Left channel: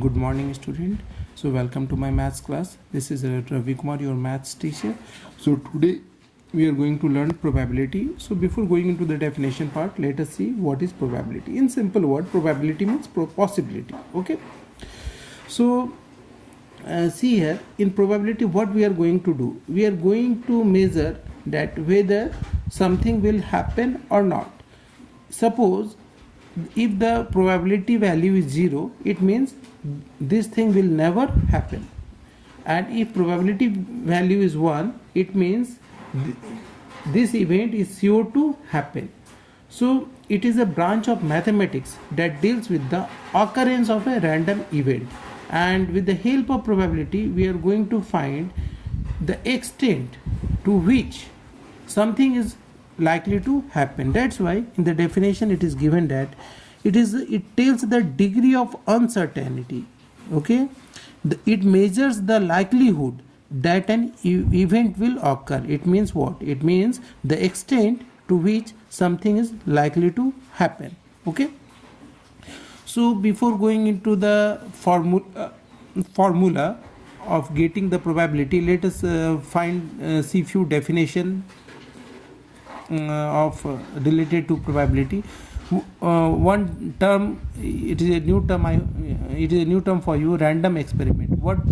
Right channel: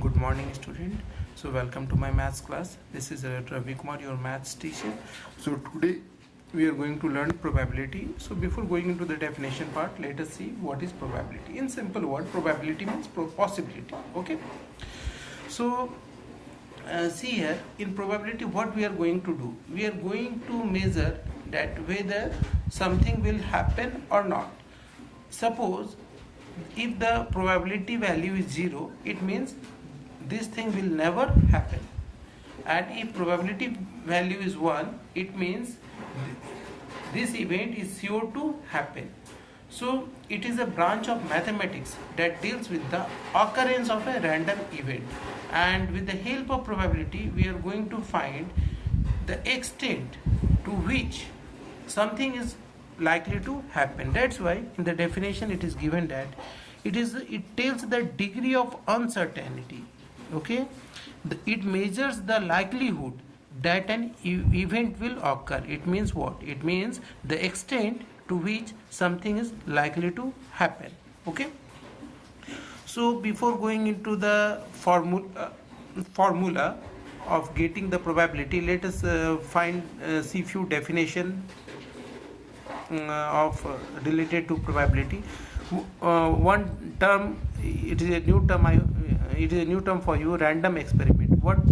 Good morning, student. So welcome to my maths class. This is Ravi Kumar, your maths teacher. So today we are going to learn probability. So before going into the definition part, let us see what is probability. In simple word, probability means possibility. Okay. So see here, in probability what we are going to do, we are going to measure that whether something will happen or not. Suppose if the probability value is 0, it means this thing will never happen, and if probability value is 1, it means this event is sure to happen. So it is a branch of mathematics that deals with the occurrence of a random event, and with the help of probability we are going to find the extent to which something is likely to happen. That's why in the definition it is given that it tells the degree of uncertainty. Okay, it measures the likelihood that an event will occur. It means what? It means the extent to which something is likely to happen. Okay, so before going into the formula of getting the probability, let us see few definition related to probability. One term, it is a new term for you, random experiment. What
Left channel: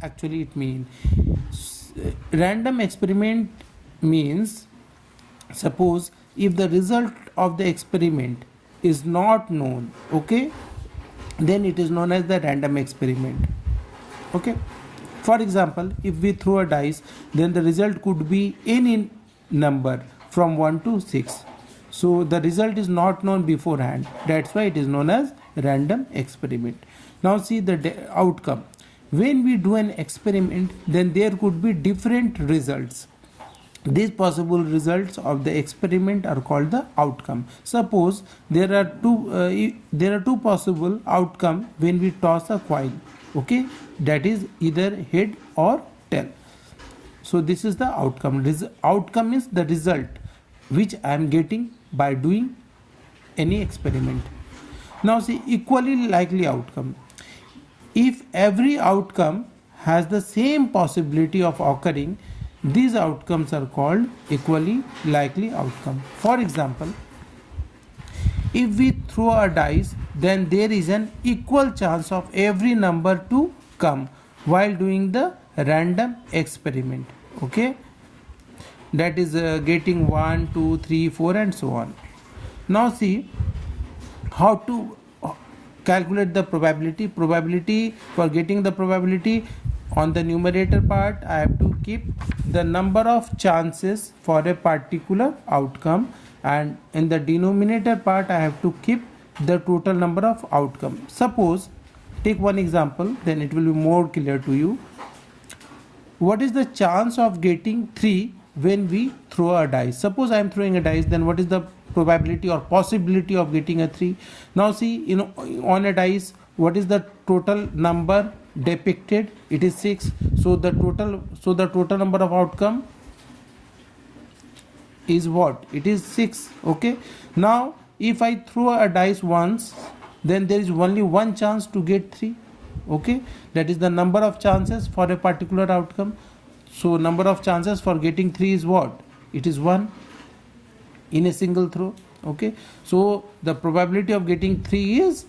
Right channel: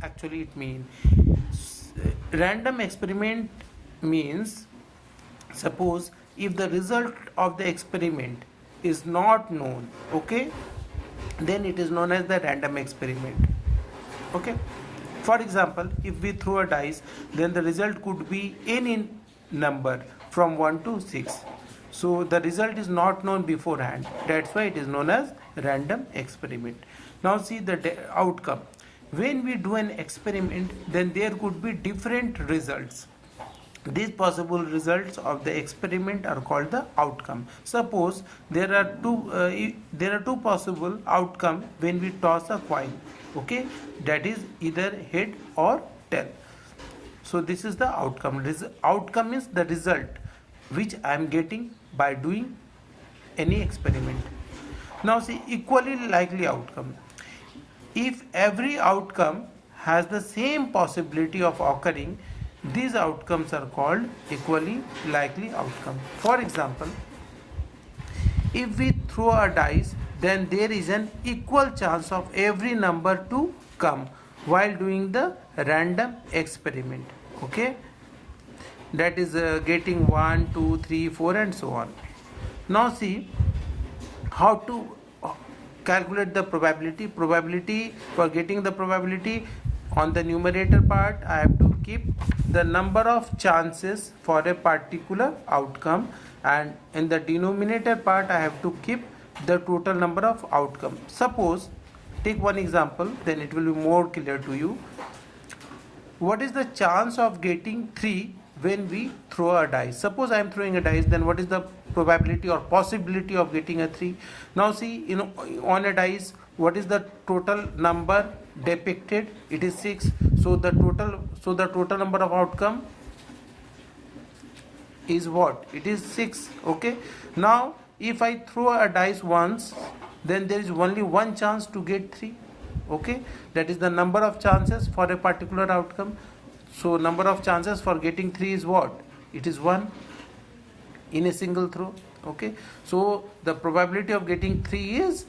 actually it means? Random experiment means, suppose if the result of the experiment is not known, okay, then it is known as the random experiment. Okay, for example, if we throw a dice, then the result could be any number from 1 to 6. So the result is not known beforehand. That's why it is known as random experiment. Now see the outcome. When we do an experiment, then there could be different results. These possible results of the experiment are called the outcome. Suppose there are two possible outcome when we toss a coin. Okay, that is either head or tail. So this is the outcome. Outcome is the result which I am getting by doing any experiment. Now see equally likely outcome. If every outcome has the same possibility of occurring, these outcomes are called equally likely outcome. For example, if we throw a dice, then there is an equal chance of every number to come while doing the random experiment. Okay, that is getting 1, 2, 3, 4 and so on. Now see how to calculate the probability. For getting the probability, on the numerator part I have to keep the number of chances for a particular outcome, and in the denominator part I have to keep the total number of outcome. Suppose, take one example, then it will be more clear to you. What is the chance of getting 3 when we throw a dice? Suppose I am throwing a dice, then what is the probability or possibility of getting a 3? Now see, on a dice, what is the total number depicted? It is 6. So the total number of outcome is what? It is 6. Okay, now if I throw a dice once, then there is only one chance to get 3. Okay, that is the number of chances for a particular outcome. So number of chances for getting 3 is what? It is 1 in a single throw. Okay, so the probability of getting 3 is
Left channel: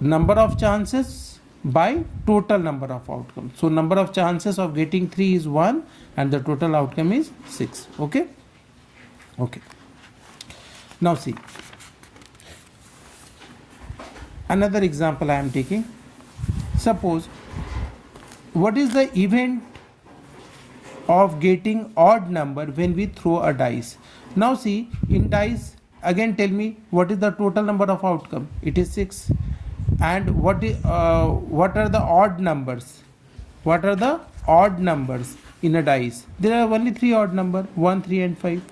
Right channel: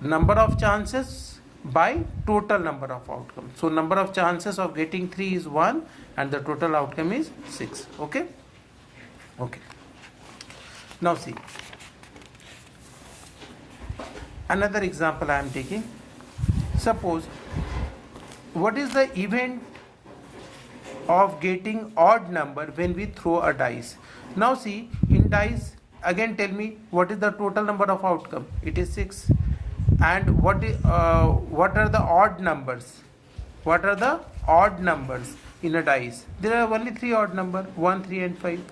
number of chances by total number of outcomes. So number of chances of getting 3 is 1 and the total outcome is 6. Okay, now see another example I am taking. Suppose, what is the event of getting odd number when we throw a dice? Now see, in dice, again tell me what is the total number of outcome? It is 6. And what are the odd numbers? What are the odd numbers in a dice? There are only 3 odd number, 1, 3 and 5.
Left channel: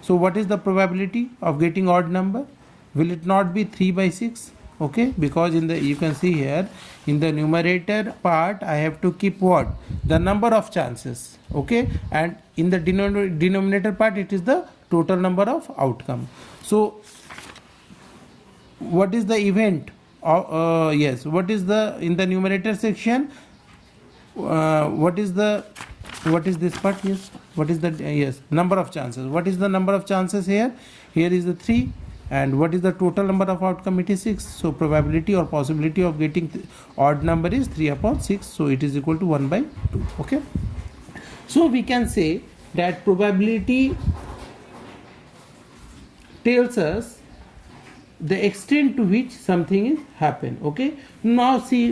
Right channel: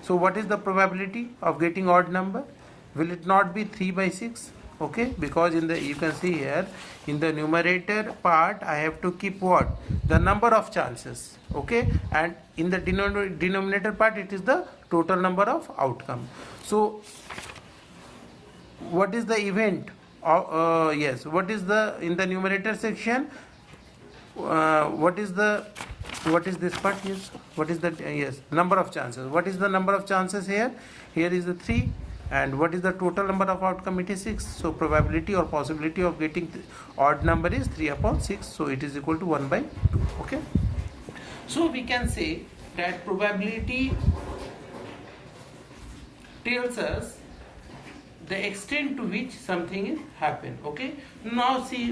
So what is the probability of getting odd number? Will it not be 3 by 6? Okay, because you can see here in the numerator part I have to keep what? The number of chances. Okay, and in the denominator part it is the total number of outcome. So what is the event yes, what is the in the numerator section, what is this part? Yes, what is the yes, number of chances. What is the number of chances here? Here is the 3, and what is the total number of outcome? It is 6. So probability or possibility of getting odd number is 3 upon 6, so it is equal to 1 by 2. Okay, so we can say that probability tells us the extent to which something is happen. Okay, now see